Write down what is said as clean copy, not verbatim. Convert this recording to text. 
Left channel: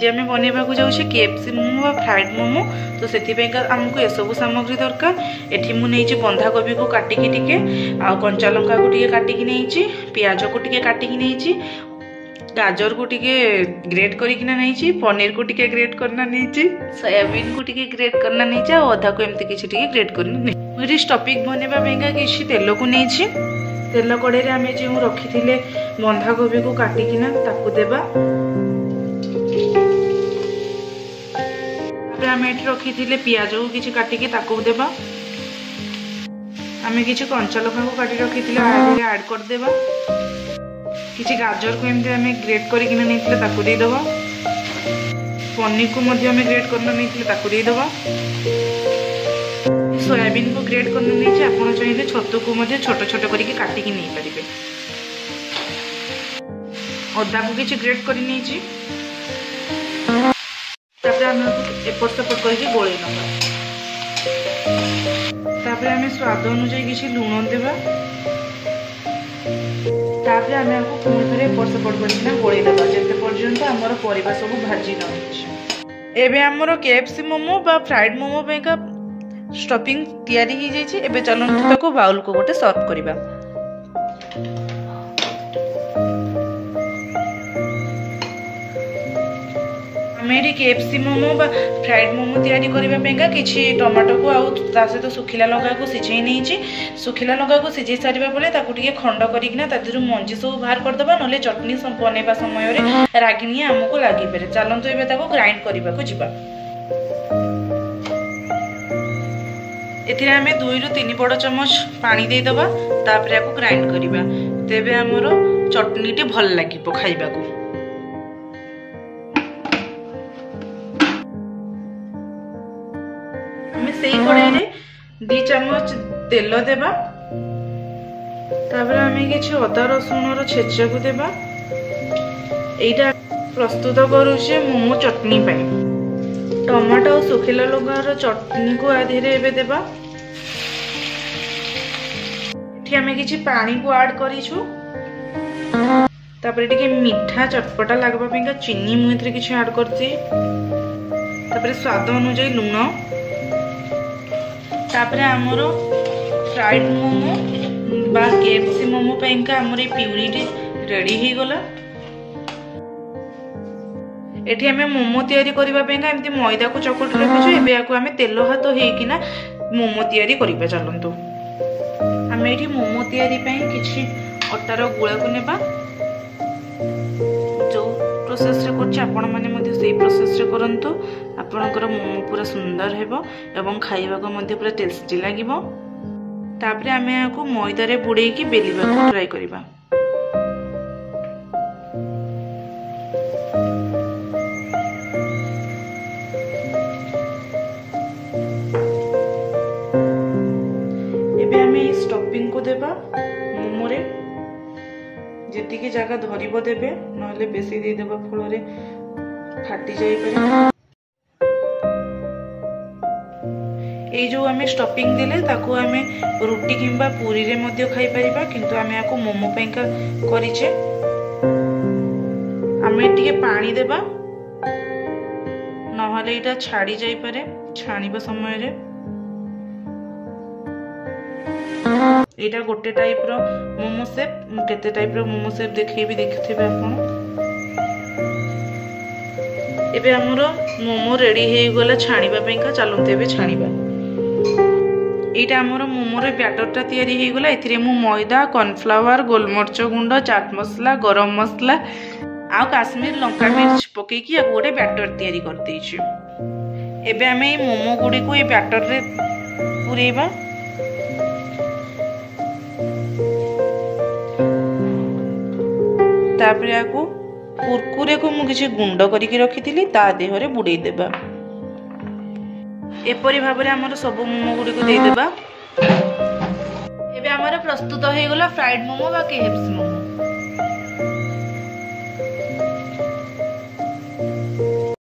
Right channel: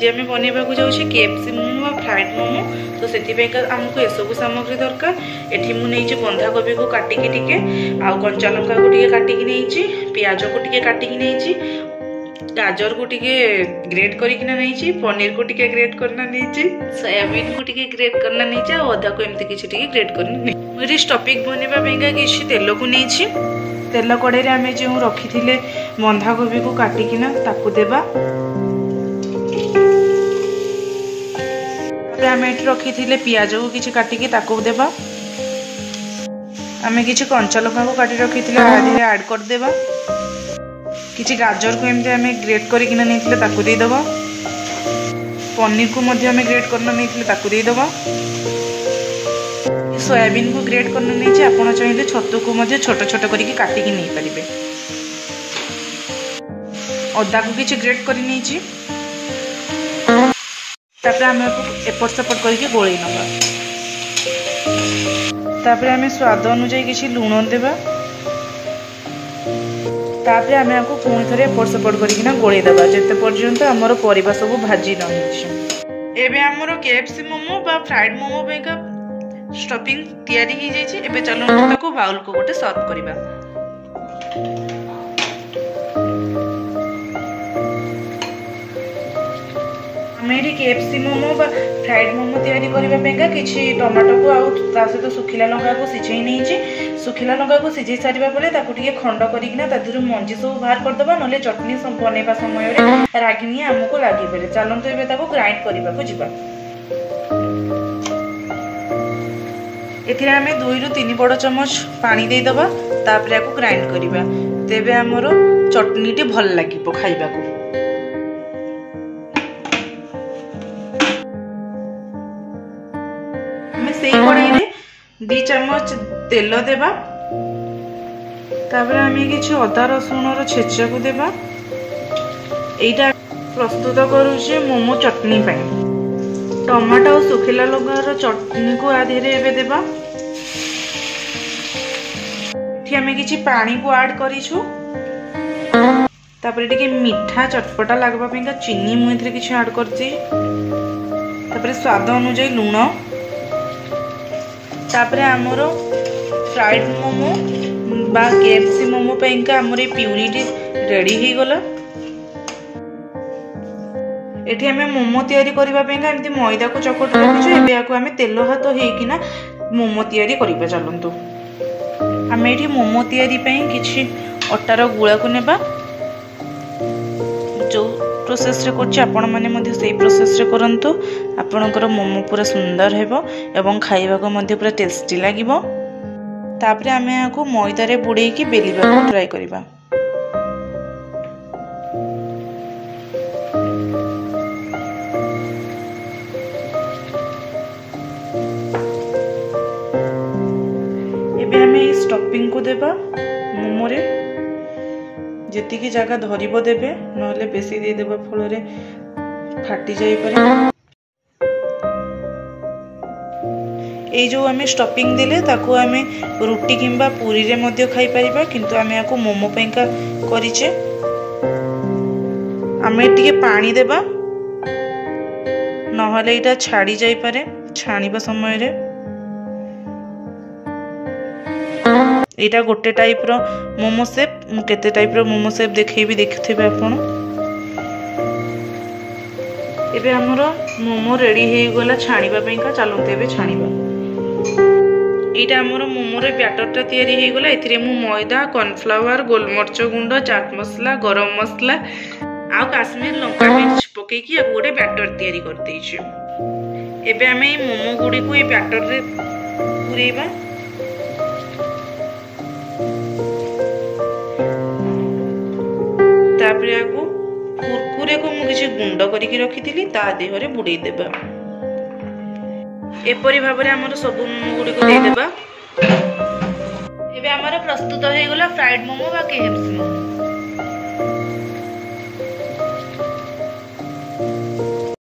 जे आम बनवा जाऊँ केएफसी मोमो फ्राइड मोमो। तो से आमको ये सब सामग्री दरकार। एठी मु नहीं बंधाकोबी को काटिकी टिके आ कंचा लंका को टिके काटिकी नहीं, पियाज को टिके काटिकी नहीं, गाजर को टिके ग्रेट करकिना नहीं, पनीर को टिके ग्रेट करना नहीं, सोयाबीन को टिके ग्रेट करना नहीं, और अदा को एमती किसी टिके ग्रेट करना नहीं। मुझे स्टफिंग बनवा किसी तेल को नहीं, तेल कड़े आम जो रखी थे बंधाकोबी को काटिकिना ताकू देबा। आम ये रखी थे पियाज को किसी काटिकी ताकू देबा। आम किसी कंचा लंका को काटी रखी थे ऐड करदेबा। किसी गाजर को एमती आम ग्रेट करकिना नहीं ताकू देदेबा। पनीर को मध्य आम ग्रेट करना नहीं ताकू देदेबा। सोयाबीन को ग्रेट करना नहीं, आपड़ चाहिए छतु को मध्य छोट छोट करके काटिकी नहीं पारे। अदा को किसी ग्रेट कर नहीं, आम एपट सेपट करके गोल नवा। तापर आम स्वाद अनुजाई किसी लुण देवा। तापर आम आपको पुणी थे एपट सेपट करकिना गोल देवा जिते पर्यंत आमर परिबा सब भाजी न हो। आमर केएफसी मोमो बा फ्राइड मोमो का स्टफिंग तैयारी हो जाइए। एबे चलो ताको बाउल को गोटे सर्व करबा। आमे केएफसी मोमो बा फ्राइड मोमो तैयारी करबा किछि टमाटो को आउ ता सहित सुखिला लंका को सिझाई नहीं। सुखिला लंका को सिझाई सारिबा परे ताकू टिके खंड करिकना तादिरु मंजी सब बाहर करदबा, नले चटनी बनैबा समय रे रागिनी हमको लागि पारे। चलंतु एबे ताको ग्राइंड करबा को जिबा। एथिरे आमे 2 रु 3 बड़ चमच पानी दे दबा। तापर याको ग्राइंड करबा। तेबे हमरो चटनी टी भल लागिबो खाइबा को। कड़ाई रे 2 चमच तेल देबा। तापर आमे किछि अदा रसुण रो छेचा को देबा। एटा प्रस्तुत करूछे मोमो चटनी पई। टमाटो और सुखिला लंका रो चटनी को आधे रे एबे देबा। एठी आमे किछि पानी को ऐड करिछु। तापर टिके मीठा चटपटा लागबा पई चीनी मु इथरे किछि ऐड करछि। तापर स्वाद अनुसार लूण। तापर आमर फ्राइड मोमो बा केएफसी मोमो पैंका आमर प्यूरी रेडी हो गला। एठी हमें मोमो तैयारी करबा पैंका एमती मैदा को चकट रखिछु। एबे याको हमें तेल हाथ हेकिना मोमो तैयारी करबा। चलंतु हमें एठी मोमो तैयारी पई किछि अटार गुळा को नेबा। जो प्रोसेस रे करछि आपण माने मध्ये सेही प्रोसेस रे करंतु। आपणकर मोमो पूरा सुंदर हेबो एवं खाइबा को मध्ये पूरा टेस्टी लागिबो। तापरे आमे याको मैदा रे बुडे की बेलिबा को ट्राई करबा। एबे हमें स्टफिंग को देबा मोमो रे। जेती की जगह धरिबो देबे, नहले बेसी दे देबा फल रे फाटी जाई पारे। ए जो हमें स्टफिंग देले ताको हमें रोटी किंबा पूरी रे मध्य खाई परिबा, किंतु हमें याको मोमो पैंका करिचे। हमें टिके पानी देबा, नहले इटा छाड़ी जाई पारे छाणीबा समय रे। एटा गोटे टाइप रो मोमो शेप। केते टाइप रो मोमो शेप देखैबी देखथिबे आपण। एबे हमरो मोमो रेडी हे गला छाणीबा पैंका। चलंते एबे छाणीबा। एटा हमरो मोमो रे बैटरटा तयारी हे गला। एथिरे मु मैदा, कॉर्नफ्लावर, गोलमरच गुंड, चाट मसला, गरम मसला आ काश्मीर लंका मिर्च पके की आ गोटे बैटर तयारी कर देछि। एबे हमें ई मोमो गुडी को ई बैटर रे पुरेबा। तापर याको कुरकुरे को मु किछि गुंड करिकि रखिथिली ता देहरे बुडै देबा। एपरि भाबरे हमर सब मोमो गुडी को दे देबा। एबे हमर प्रस्तुत हे गला फ्राइड मोमो बा केएफसी मोमो।